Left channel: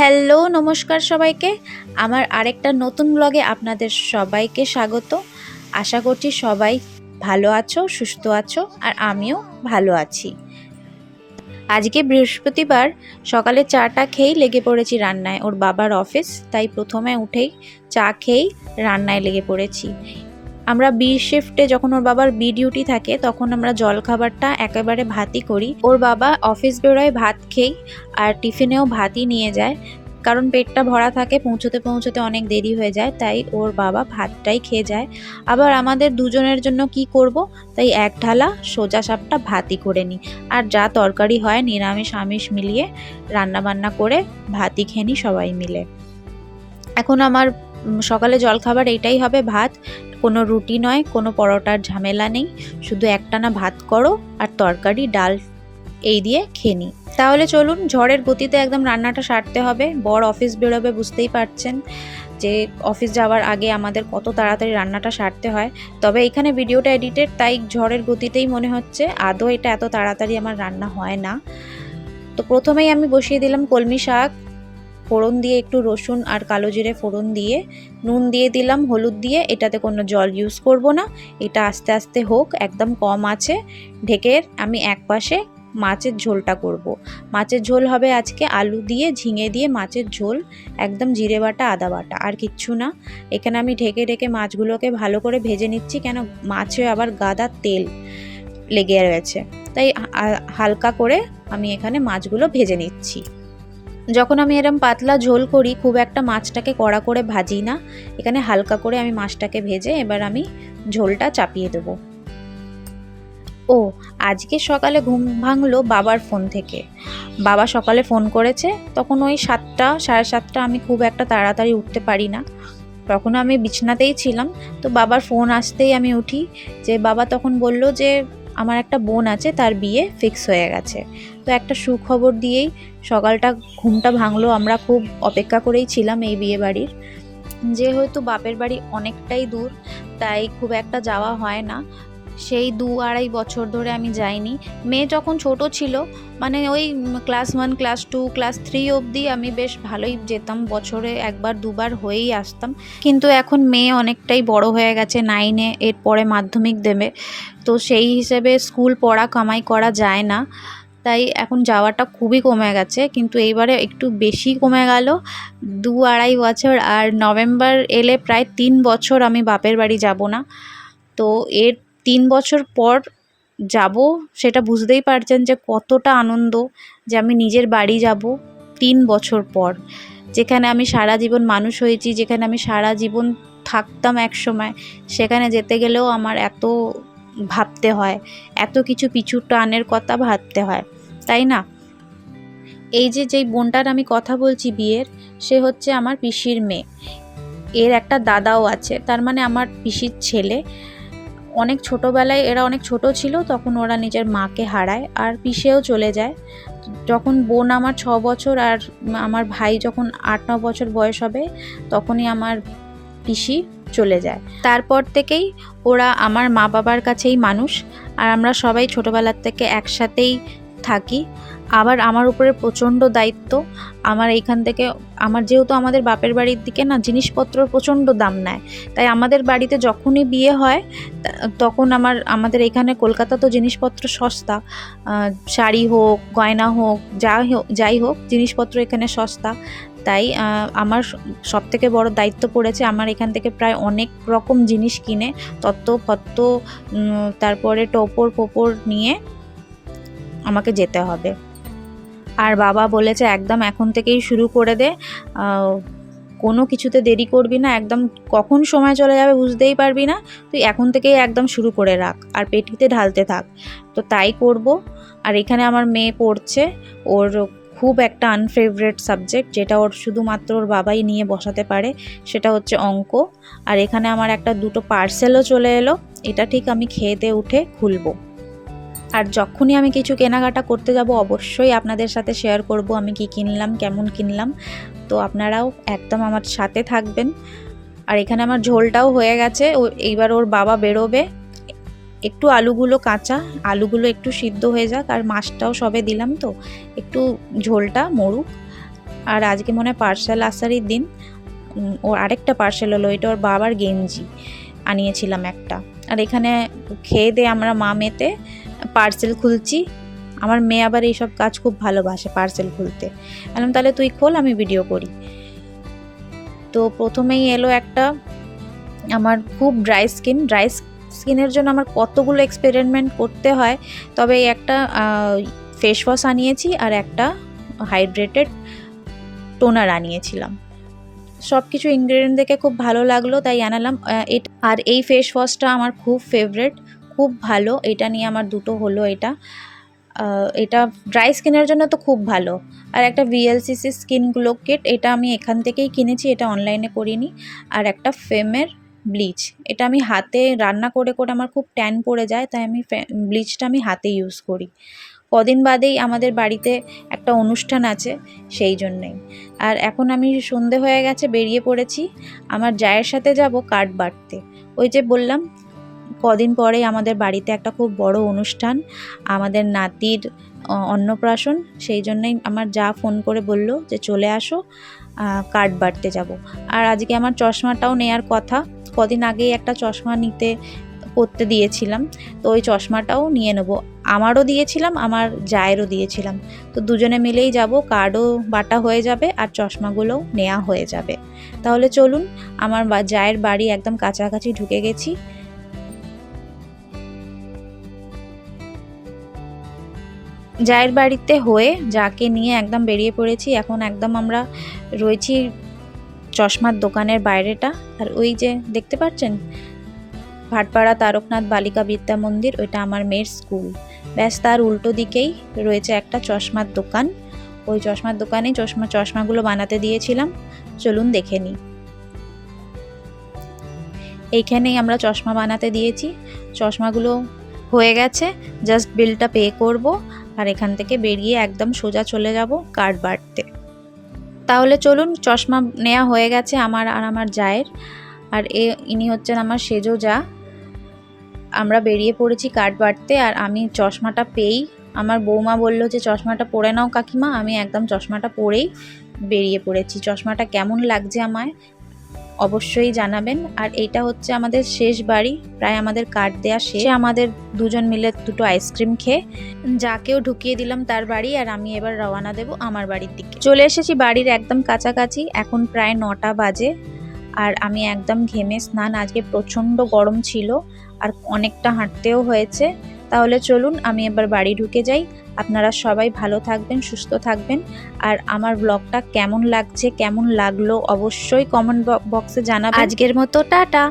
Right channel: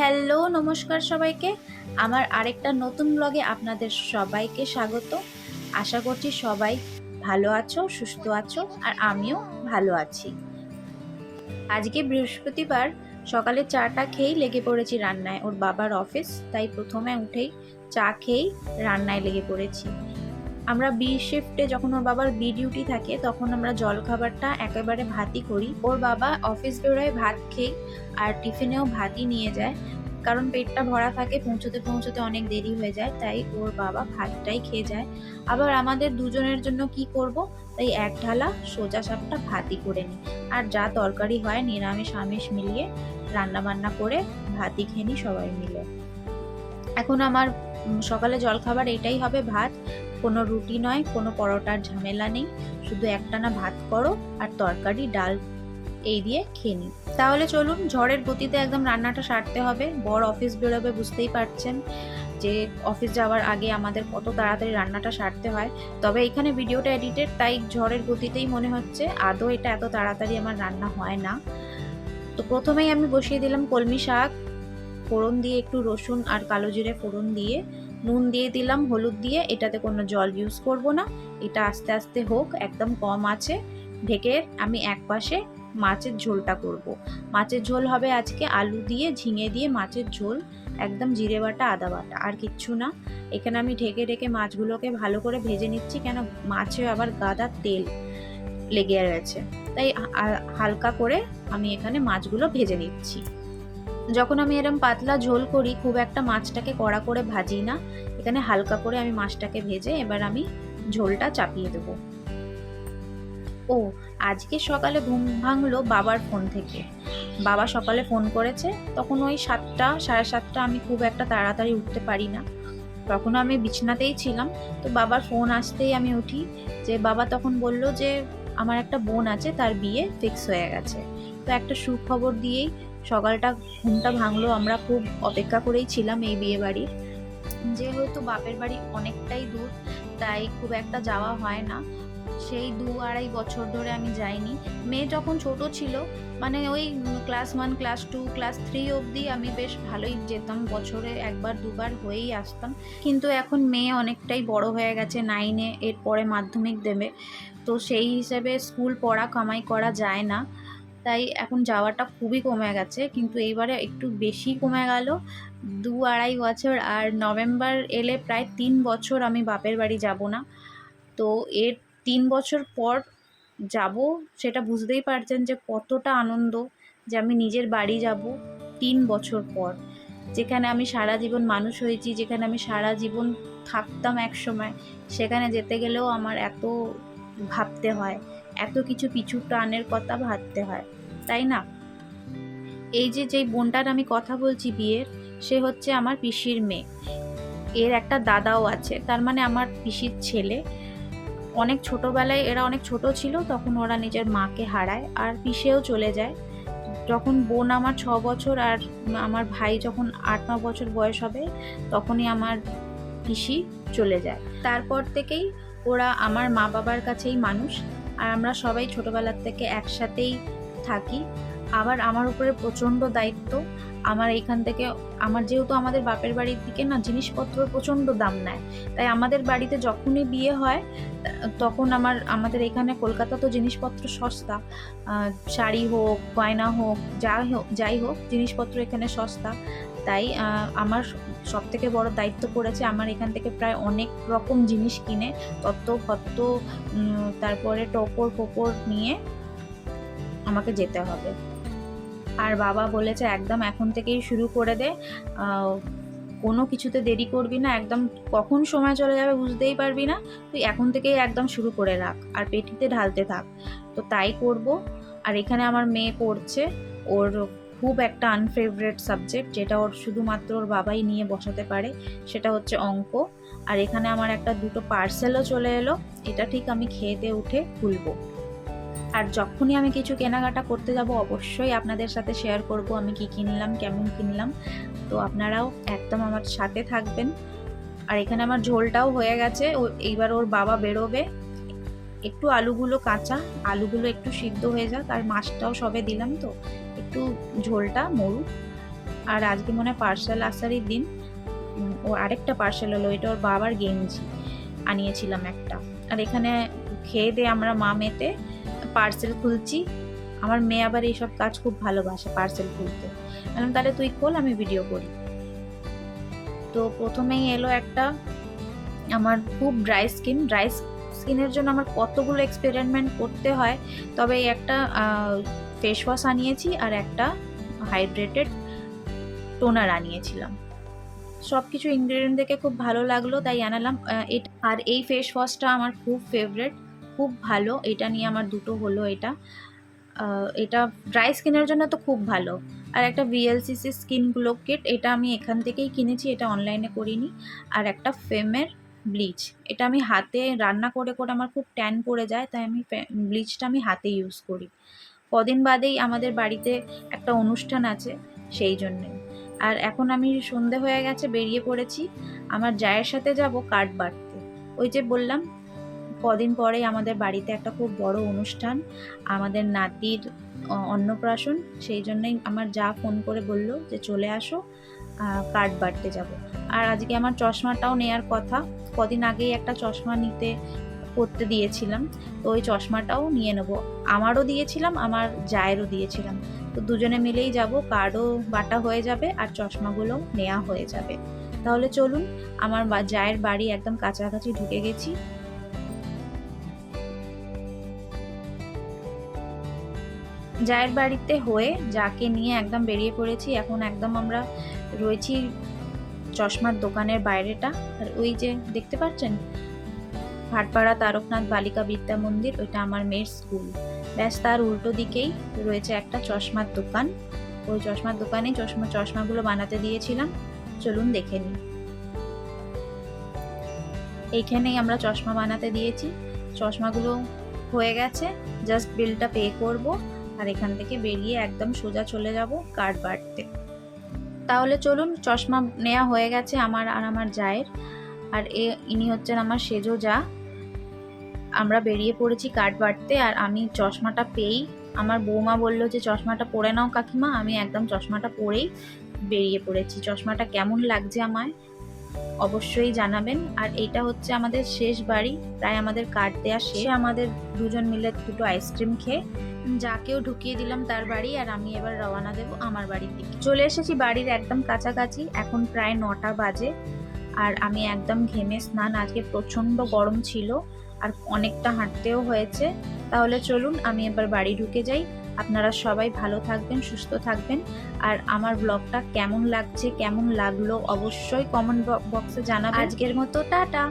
Hello নমস্কার সবাইকে। আমার আরেকটা নতুন ব্লগে আপনাদের সবাইকে স্বাগত। আশা করছি সবাই ভালো আছো, সুস্থ আছো, আর আমিও ভালো আছি। আজকে বৃহস্পতিবার, সকালে চাটা খেয়েই লেগে পড়েছি রান্নায়। ওর বাবার অফিস, তাই প্রথমে উঠেই চা খেয়েই রান্নায় লেগে পড়েছি। আমরা বি শিফটে, যখন ওর বাবার বি ডিউটি থাকে তখন আমরা জলখাবারটা একেবারে ভাতই করি। ওর বাবা অফিস বেরোয় ভাত খেয়েই, আর টিফিনেও ভাতই নিয়ে যায়, কারণ পেটটা ভরা থাকে, পৌঁছতে পৌঁছতে অনেক দেরি হয়ে যায়, তাই ওর বাবা ভাতটাই খেয়ে যায়। আবার আমাদের দুজনের জন্য কি করব, তাই এক ঢালা সোজা সাপটা ভাতই করে নিই। আর যা তরকারি হয় নিরামিষ আমিষ মিলিয়ে রান্না বান্না করে ভাতই খেয়ে নিই সবাই মিলে। এখন আমার সকালে জলখাবার এইটাই হবে, ভাত। কোনো রুটি নয়, কোনো পরোটার ঝামেলা নেই, শুধু একটানা ভাত করো আর তরকারি ডাল এই দিয়ে খেয়ে নিই। তাহলে চলুন, ঝড়ের গতিতে একদম রান্নাটা সারতে হবে। বর অফিস বেরোবে, বুঝতেই পারছেন যে অফিস যাওয়ার আগে আমাদের কত তাড়াতাড়ি রান্নাটা সারতে হয়। তবে এখানে ভিডিওটা এডিটেড, তাই ঝড়ের গতিতেই মনে হচ্ছে, আদৌ এটা এত তাড়াতাড়ি আমার রান্না হয় না। তো প্রথমেই আমি বসিয়ে দিলাম কলমি শাক, ফোড়ন দিয়ে একটু রসুন আর কালো জিরে ফোড়ন দিয়ে নুন দিয়ে দিলাম, হলুদ দিয়ে। এটাতে কোনো জল ইউজ করব না, এটা আস্তে আস্তে হোক, একদম কম আছে ঢেকে আমি একপাশে মাছের ঝোলটা করব। মাছের ঝোল হবে আজকে আলু দিয়ে, ঝিঙে দিয়ে মাছের ঝোল, একদম জিরে বাটা আদা বাটা, আর কিচ্ছু না। এখানে আমি ঢেকে ঢেকে মাছগুলোকে ভালো করে ভেজে নিচ্ছি, কেন মাছে আবার গাদা তেল লেগে রয়েছে, তাই হালকা করে আমি এখানে মাছগুলো ভেজে নিচ্ছি। যখন আমি এরম পাতলা ঝোল করি, খুব একটা মাছটাকে কড়া করে ভাজি না, এখানে হালকা করে আমি মাছটাকে ভেজে এবার আমি ঝোলটা চাপিয়ে দেব। ও, আজকে সকালে ঘুম ভাঙলো বাবার ফোন থেকে। বাবা সকালে ফোন করেছে, তখন ওই 7টা সাড়ে 7টা, আমি খুব একটা তাড়াতাড়ি উঠতে পারি না, তখন আমি বিছনাতেই ছিলাম। তো বাবার ফোন আসতেই আমি উঠি। যে বাবা তখন বলল যে আমার একটা বোন আছে, তার বিয়ে ফিক্স হয়ে গেছে। তো একটা সুখবর দিয়েই সকালটা ঘুমটা ভাঙলো। আমরা খুব অপেক্ষা করেই ছিলাম এই বিয়ে বাড়ির। যেহেতু বাপের বাড়ি অনেকটাই দূর, তাই খুব একটা যাওয়া হয় না। সেই 2-2.5 বছর ধরে আমি যাইনি। মেয়ে যখন ছোট ছিল, মানে ওই ক্লাস 1 ক্লাস 2 ক্লাস 3 অবধি আমি বেশ ভালোই যেতাম, বছরে একবার দুবার হয়েই আসতাম। কিন্তু এখন মেয়ে অনেকটাই বড় হয়ে গেছে, 9-এ, এরপরে মাধ্যমিক দেবে, তো সেই হিসেবে স্কুল পড়া কামাই করা যায় না, তাই এখন যাওয়াটা খুবই কমে গেছে। কিন্তু এইবারে একটু বেশি কমে গেল, 2-2.5 বছর। আর নভেম্বর এলে প্রায় 3 বছর আমি বাপের বাড়ি যাব না। তো এর 3 বছর পর যাব, সেটা বুঝতেই পারছেন যে কতটা আনন্দ যে আমি নিজের বাড়ি যাব 3 বছর পর। যেখানে আমি সারা জীবন মানুষ হয়েছি, যেখানে আমি সারা জীবন থাকতাম একসময়, সেখানে যেতে গেলেও আমার এত ভাবতে হয়, এত কিছু পিছু টানের কথা ভাবতে হয়, তাই না? এই যে যেই বোনটার আমি কথা বলছি বিয়ের, সে হচ্ছে আমার পিসির মেয়ে। এর একটা দাদাও আছে, তার মানে আমার পিসির ছেলে। অনেক ছোটোবেলায়, এরা অনেক ছোট ছিল তখন ওরা নিজের মাকে হারায়, আর পিসেও চলে যায়। যখন বোন আমার 6 বছর আর আমার ভাই যখন 8-9 বছর বয়স হবে, তখনই আমার পিসি চলে যায়। তারপর থেকেই ওরা আমার মা বাবার কাছেই মানুষ, আর আমরা সবাই ছোটোবেলার থেকে একসাথেই থাকি। আবার আমার উপরে প্রচণ্ড দায়িত্ব। আমার এইখান থেকে, আমার যেহেতু আমাদের বাপের বাড়ির দিকে না জিনিসপত্রর প্রচণ্ড দাম নেয়, তাই আমাদের বাড়িতে যখনই বিয়ে হয় তখন আমাদের এখানে কলকাতা তো জিনিসপত্র সস্তা, শাড়ি হোক গয়না হোক যাই হোক জিনিসপত্র এখানে সস্তা। তাই আমার সবথেকে বড় দায়িত্ব পড়েছে আমার এখান থেকে প্রায় অনেক রকম জিনিস কিনে, তত্ত্ব ফত্ত, তারপরে টোপর নিয়ে আমাকে যেতে হবে। আর বাবা বলেছে একদম এখন থেকেই শুরু করে দে, কোনো কিছুতে দেরি করবি না, একদম কখন সময় চলে যাবে বুঝতেই পারবি না, তুই এখন থেকেই একদম শুরু করে রাখ আর পেটিতে ঢালতে থাক। তো তাই করব। আর এখানে আমার মেয়ে পড়ছে, ওর খুব একটা আনফেভারিট সাবজেক্ট, যেটা ওর শুধুমাত্র ওর বাবাই নিয়ে বসাতে পারে, সেটা হচ্ছে অঙ্ক। আর এখানে আমার একটা দুটো পার্সেলও চলে এলো, এটা ঠিক আমি খেতে উঠে খুলবো। আর যখনই আমি কিছু কেনাকাটা করতে যাব অবশ্যই আপনাদের সাথে শেয়ার করব আমি কি কিনলাম, কেমন কিনলাম। তো আপনারাও একদম আমার সাথে থাকবেন। আর এখানে আমার ঝোলটাও হয়ে গেছে, এইবার ওর বাবা বেরোবে, একটু আলুগুলো কাঁচা, আলুগুলো একটু সিদ্ধ হয়ে যাক, আর মাছটাও সবে দিলাম, তো একটু ঝোলটা মরুক, আর আজকে মনে হয় পার্সেল আসারই দিন। ওর আরেকটা পার্সেল হলো, এটা ওর বাবার গেঞ্জি আনিয়েছিলাম একটা। আর এখানে খেয়ে দিয়ে আমরা মা মেয়েতে পার্সেল খুলছি। আমার মেয়ে আবার এইসব কাজ খুব ভালোবাসে, পার্সেল খুলতে। বললাম তাহলে তুই খোল, আমি ভিডিও করি। তো প্রথমেই এলো একটা, আমার খুব ড্রাই স্কিনের জন্য আমার কতগুলো এক্সপেরিমেন্ট করতে হয়। তবে একটা ফেস ওয়াশ আনিয়েছি আর একটা হাইড্রেটেড টোনার আনিয়েছিলাম। সব কিছু ইনগ্রেডিয়েন্ট দেখে খুব ভালো লাগলো, তাই আনালাম। আর এই ফেস ওয়াশটা আমার খুব ফেভারেট, খুব ভালো। এটা নিয়ে আমার দুটো হলো। এটা ড্রাই স্কিনের জন্য তো খুব ভালো। আর একটা VLCC স্কিন গ্লো কিট, এটা আমি এখান থেকেই কিনেছি, এটা অনলাইনে করিনি। আর একটা ফেমের ব্লিচ, এটা আমি হাতে রান্না করে করে আমার খুব ট্যান পড়ে যায়, তাই আমি ব্লিচটা আমি হাতে ইউজ করি। কদিন বাদেই আমাদের বাড়িতে একটা অনুষ্ঠান আছে, সেই জন্যেই। আর এখন আমি সন্ধে হয়ে গেছে, বেরিয়ে পড়েছি। আমার জায়ের সাথে যাব কার্ড বাটতে। ওই যে বললাম কদিন পরেই আমাদের বাড়িতে একটা খুব বড় অনুষ্ঠান, আমাদের নাতির অন্নপ্রাশন। সেই জন্যই আমার যা ফোন করে বলল যে চলে আসো, কার্ড বাটতে যাব। আর আজকে আমার চশমাটাও নেয়ার কথা, কদিন আগেই একটা চশমা পরতে দিয়েছিলাম, তো ওই চশমাটাও নিয়ে নেবো। আমারও দিয়েছিলাম, আমার জায়েরও দিয়েছিলাম। তো দুজনে মিলেই যাব, কার্ডও বাটা হয়ে যাবে আর চশমাগুলোও নেওয়া হয়ে যাবে। তাহলে চলুন, আমার জায়ের বাড়ি একদম কাছাকাছি ঢুকে গেছি। জায়ের বাড়িতে হয়ে যাকে নিয়ে একদম বেরিয়ে পড়েছি। এখন একদম আমরা রয়েছি চশমার দোকানের বাইরেটা। আর ওই যে দেখতে পাচ্ছেন ভাটপাড়া তারকনাথ বালিকা বিদ্যা মন্দির, ওইটা আমার মেয়ের স্কুল। ব্যাস তার উল্টো দিকেই রয়েছে একটা চশমার দোকান। ওই চশমার দোকানেই চশমাগুলো বানাতে দিয়েছিলাম, চলুন দেখে নিই। এইখানেই আমরা চশমা বানাতে দিয়েছি, চশমাগুলো হয়ে গেছে, জাস্ট বিলটা পে করব আর এখান থেকে বেরিয়ে একদম সোজা চলে যাব কার্ড বাটতে। তাহলে চলুন, চশমা নেওয়া হয়ে গেছে আমার আর আমার জায়ের। আর ইনি হচ্ছেন আমার সেজো যা। আমরা বেরিয়ে পড়েছি কার্ড বাটতে। আর আমি চশমাটা পেয়েই আমার বৌমা বলল যে চশমাটা পরে নাও কাকিমা। আমি একদম চশমাটা পরেই বেরিয়ে পড়েছি। চশমাটা কেমন লাগছে আমায় অবশ্যই জানাবেন। আর এইটা হচ্ছে আমাদের শেষ বাড়ি, প্রায় আমাদের কার্ড দেওয়া শেষ। আমাদের দুজন মিলে দুটো আইসক্রিম খেয়ে যাকেও ঢুকিয়ে দিলাম তার বাড়ি। আর আমি এবার রওনা দেব আমার বাড়ির দিকে। চলে এসেছি বাড়ির একদম কাছাকাছি, এখন প্রায় 9টা বাজে। আর আমি একদম ঘেমে স্নান, আজকে প্রচণ্ড গরম ছিল আর অনেকটা হাঁটতেও হয়েছে। তাহলে চলুন আমি এবার বাড়ি ঢুকে যাই। আপনারা সবাই ভালো থাকবেন, সুস্থ থাকবেন। আর আমার ব্লগটা কেমন লাগছে, কেমন লাগলো অবশ্যই কমেন্ট বক্সে জানাবেন। আজকের মতো টাটা।